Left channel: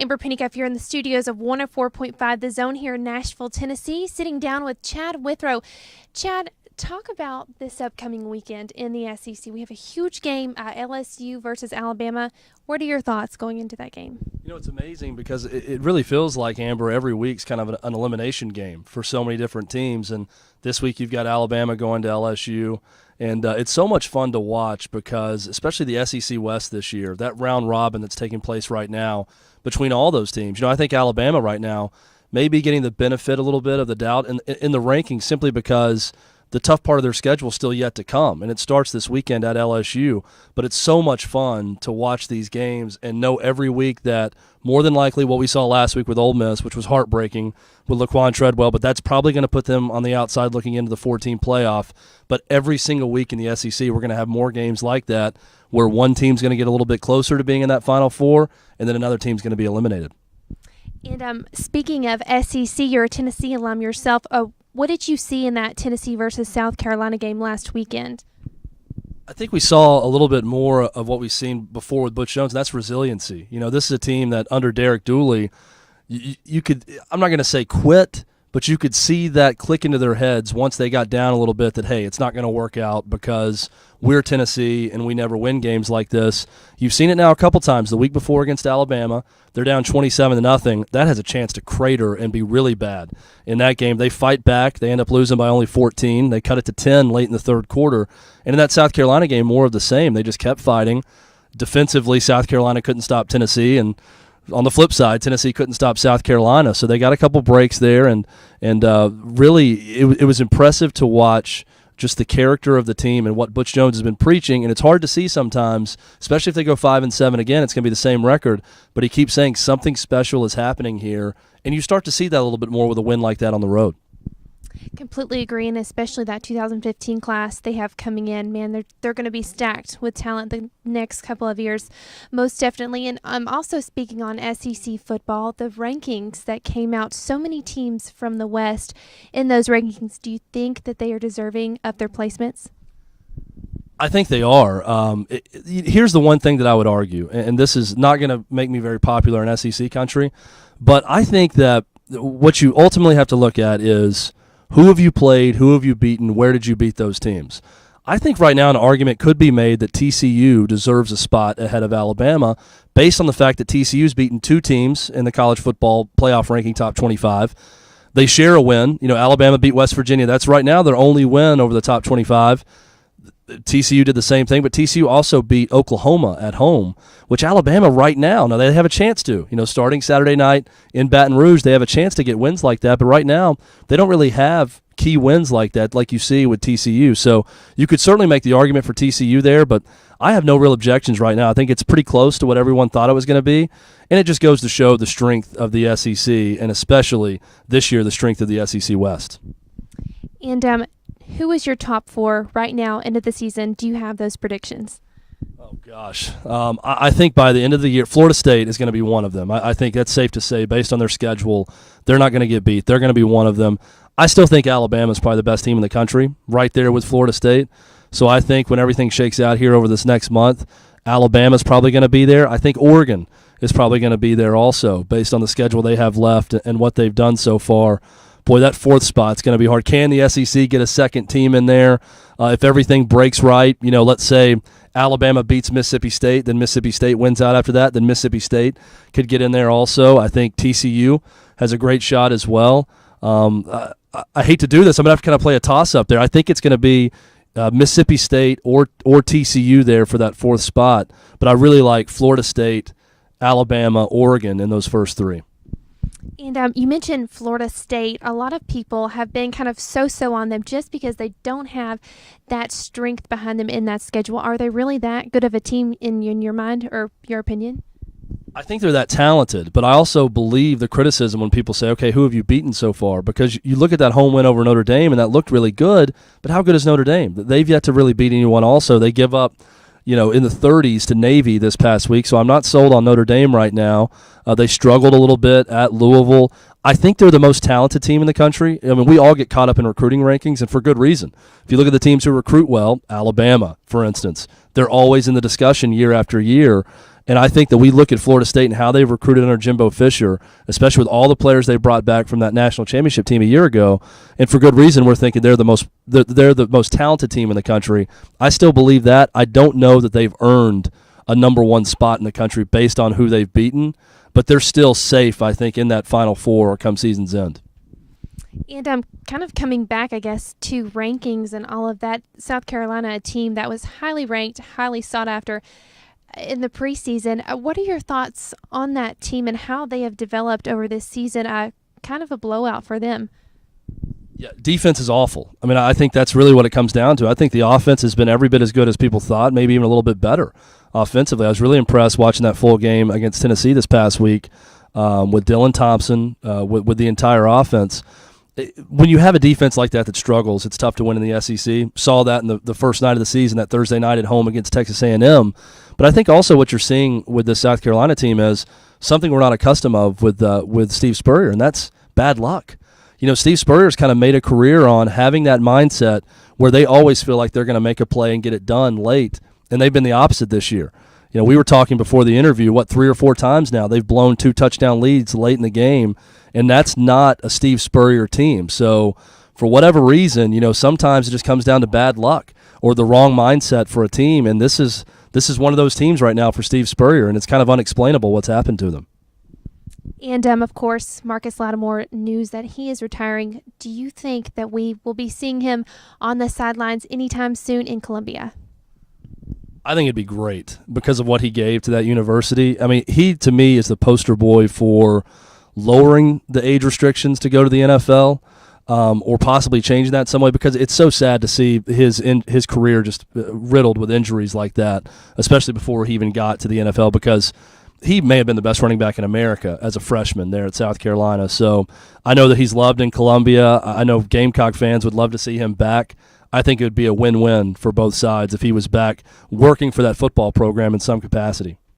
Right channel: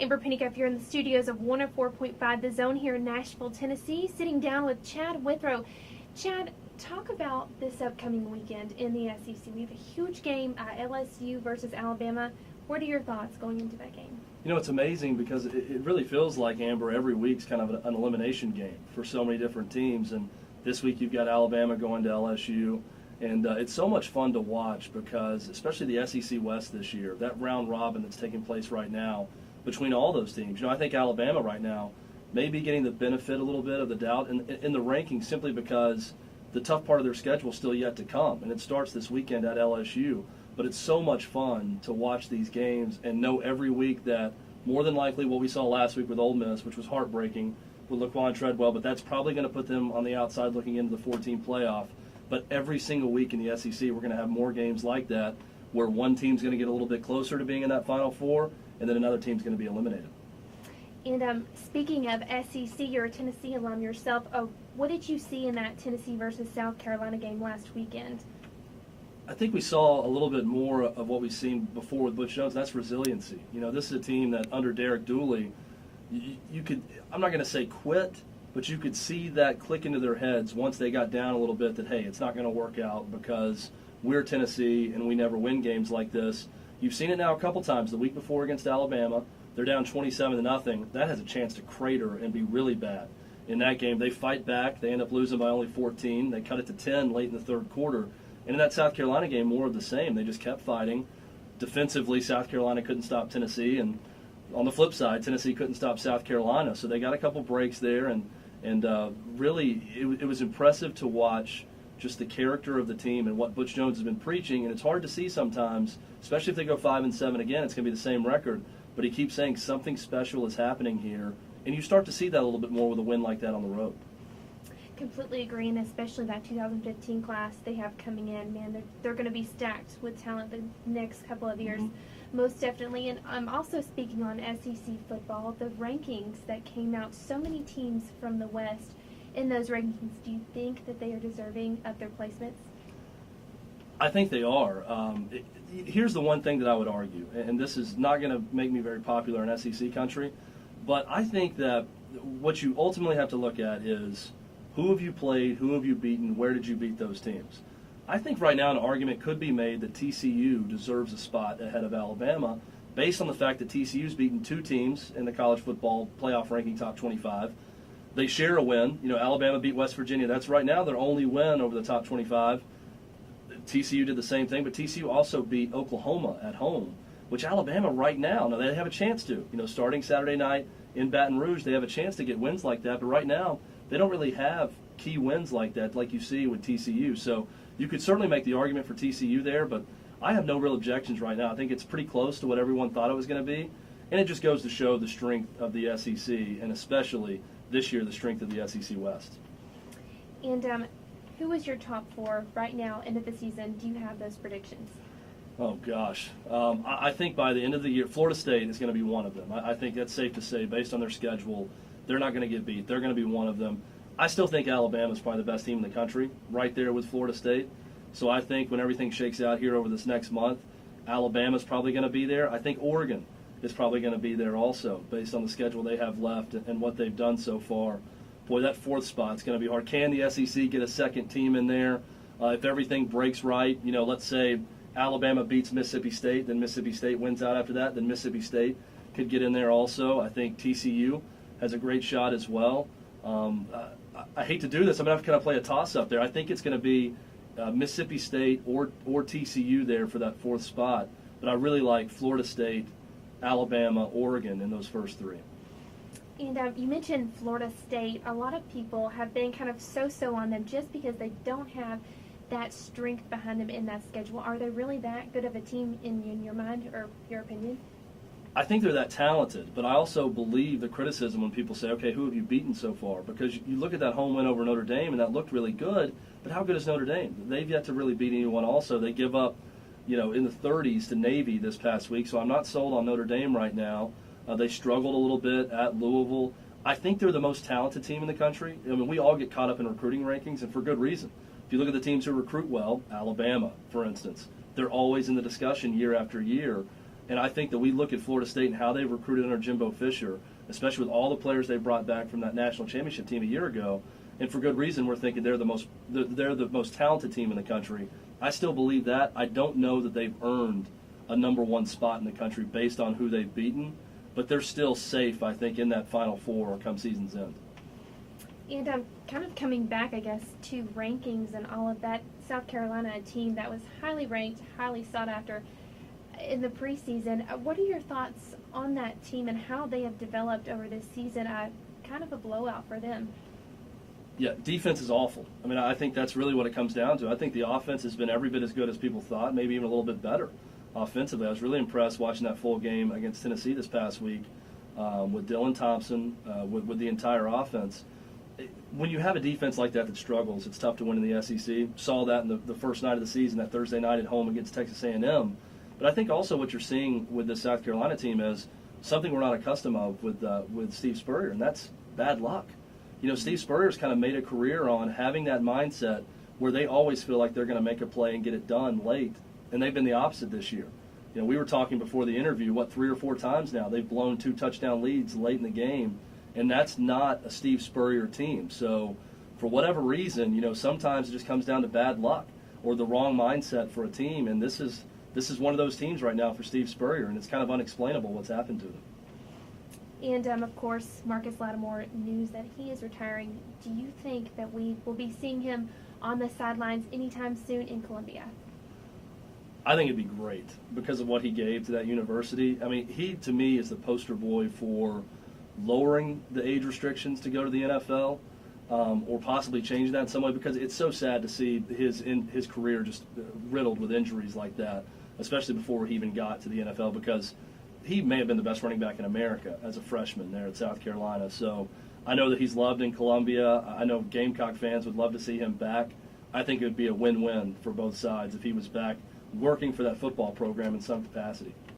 Amber Pennycuff here in the studios of 104.5 The Zone here in Nashville, Tennessee, sitting down with Chad Withrow. Chad, talk about this upcoming weekend in the SEC. We have a huge game, LSU versus Alabama. What are your thoughts going into that game? You know, it's amazing because it really feels like, Amber, every week's kind of an elimination game for so many different teams. And this week you've got Alabama going to LSU. And it's so much fun to watch because, especially the SEC West this year, that round robin that's taking place right now between all those teams. You know, I think Alabama right now may be getting the benefit a little bit of the doubt in the rankings simply because the tough part of their schedule is still yet to come. And it starts this weekend at LSU. But it's so much fun to watch these games and know every week that more than likely what we saw last week with Ole Miss, which was heartbreaking with Laquan Treadwell, but that's probably going to put them on the outside looking into the 14 playoff. But every single week in the SEC, we're going to have more games like that where one team's going to get a little bit closer to being in that Final Four, and then another team's going to be eliminated. And speaking of SEC, you're a Tennessee alum yourself. What did you see in that Tennessee versus South Carolina game last weekend? I think we saw a little bit more of what we've seen before with Butch Jones, and that's resiliency. You know, this is a team that under Derek Dooley, you could, I'm not going to say quit, but you could see that click into their heads once they got down a little bit that, hey, it's not going to work out because we're Tennessee and we never win games like this. You've seen it now a couple times. The week before against Alabama, they're down 27-0. That has a chance to crater and be really bad. In that game, they fight back. They end up losing by only 14. They cut it to 10 late in the third quarter. And in that South Carolina game, more of the same. They just kept fighting. Defensively, South Carolina couldn't stop Tennessee, and on the flip side, Tennessee couldn't stop South Carolina. So they got a couple breaks there, and really it was impressive to watch just the character of the team and what Butch Jones has been preaching. And it's hard to see sometimes, especially if they go 5-7 again, it's going to be the same record. But he keeps saying something special is happening here, and you start to see that a little bit more with a win like that on the road. Completely agree, and especially that 2015 class they have coming in. Man, they're going to be stacked with talent the next couple of years, most definitely. And I'm also speaking on SEC football, the rankings that came out, so many teams from the West in those rankings. Do you think that they are deserving of their placements? I think they are. Here's the one thing that I would argue, and this is not going to make me very popular in SEC country, but I think that what you ultimately have to look at is who have you played, who have you beaten, where did you beat those teams? I think right now an argument could be made that TCU deserves a spot ahead of Alabama based on the fact that TCU's beaten two teams in the college football playoff ranking top 25. They share a win. You know, Alabama beat West Virginia. That's right now their only win over the top 25. TCU did the same thing, but TCU also beat Oklahoma at home, which Alabama right now they have a chance to. You know, starting Saturday night in Baton Rouge, they have a chance to get wins like that, but right now they don't really have key wins like that like you see with TCU. So you could certainly make the argument for TCU there, but I have no real objections right now. I think it's pretty close to what everyone thought it was going to be, and it just goes to show the strength of the SEC, and especially this year the strength of the SEC West. And who is your top four right now, end of the season? Do you have those predictions? Oh, gosh. I think by the end of the year, Florida State is going to be one of them. I think that's safe to say based on their schedule. They're not going to get beat. They're going to be one of them. I still think Alabama is probably the best team in the country, right there with Florida State. So I think when everything shakes out here over this next month, Alabama's probably going to be there. I think Oregon is probably going to be there also based on the schedule they have left and what they've done so far. Boy, that fourth spot's going to be hard. Can the SEC get a second team in there? If everything breaks right, you know, let's say Alabama beats Mississippi State, then Mississippi State wins out after that, then Mississippi State could get in there also. I think TCU has a great shot as well. I hate to do this. I'm going to have to kind of play a toss-up there. I think it's going to be Mississippi State or TCU there for that fourth spot, but I really like Florida State, Alabama, Oregon in those first three. And you mentioned Florida State. A lot of people have been kind of so-so on them just because they don't have that strength behind them in that schedule. Are they really that good of a team in your mind or your opinion? I think they're that talented, but I also believe the criticism when people say, okay, who have you beaten so far? Because you look at that home win over Notre Dame, and that looked really good, but how good is Notre Dame? They've yet to really beat anyone also. They give up, you know, in the 30s to Navy this past week, so I'm not sold on Notre Dame right now. They struggled a little bit at Louisville. I think they're the most talented team in the country. I mean, we all get caught up in recruiting rankings, and for good reason. If you look at the teams who recruit well, Alabama, for instance, they're always in the discussion year after year. And I think that we look at Florida State and how they've recruited under Jimbo Fisher, especially with all the players they brought back from that national championship team a year ago, and for good reason. We're thinking they're the most talented team in the country. I still believe that. I don't know that they've earned a number one spot in the country based on who they've beaten, but they're still safe, I think, in that Final Four come season's end. And kind of coming back, I guess, to rankings and all of that, South Carolina, a team that was highly ranked, highly sought after in the preseason. What are your thoughts on that team and how they have developed over this season? Kind of a blowout for them. Yeah, defense is awful. I mean, I think that's really what it comes down to. I think the offense has been every bit as good as people thought, maybe even a little bit better offensively. I was really impressed watching that full game against Tennessee this past week with Dylan Thompson, with the entire offense. When you have a defense like that struggles, it's tough to win in the SEC. Saw that in the first night of the season, that Thursday night at home against Texas A&M. But I think also what you're seeing with the South Carolina team is something we're not accustomed of with Steve Spurrier, and that's bad luck. You know, Steve Spurrier's kind of made a career on having that mindset where they always feel like they're going to make a play and get it done late, and they've been the opposite this year. You know, we were talking before the interview, 3 or 4 times now they've blown 2 touchdown leads late in the game, and that's not a Steve Spurrier team. So for whatever reason, you know, sometimes it just comes down to bad luck or the wrong mindset for a team, and this is one of those teams right now for Steve Spurrier, and it's kind of unexplainable what's happened to them. And, of course, Marcus Lattimore, news that he is retiring. Do you think that we will be seeing him on the sidelines anytime soon in Columbia? I think it'd be great because of what he gave to that university. I mean, he, to me, is the poster boy for lowering the age restrictions to go to the NFL. Or possibly changing that in some way, because it's so sad to see his career just riddled with injuries like that, especially before he even got to the NFL, because he may have been the best running back in America as a freshman there at South Carolina. So I know that he's loved in Columbia. I know Gamecock fans would love to see him back. I think it would be a win-win for both sides if he was back working for that football program in some capacity.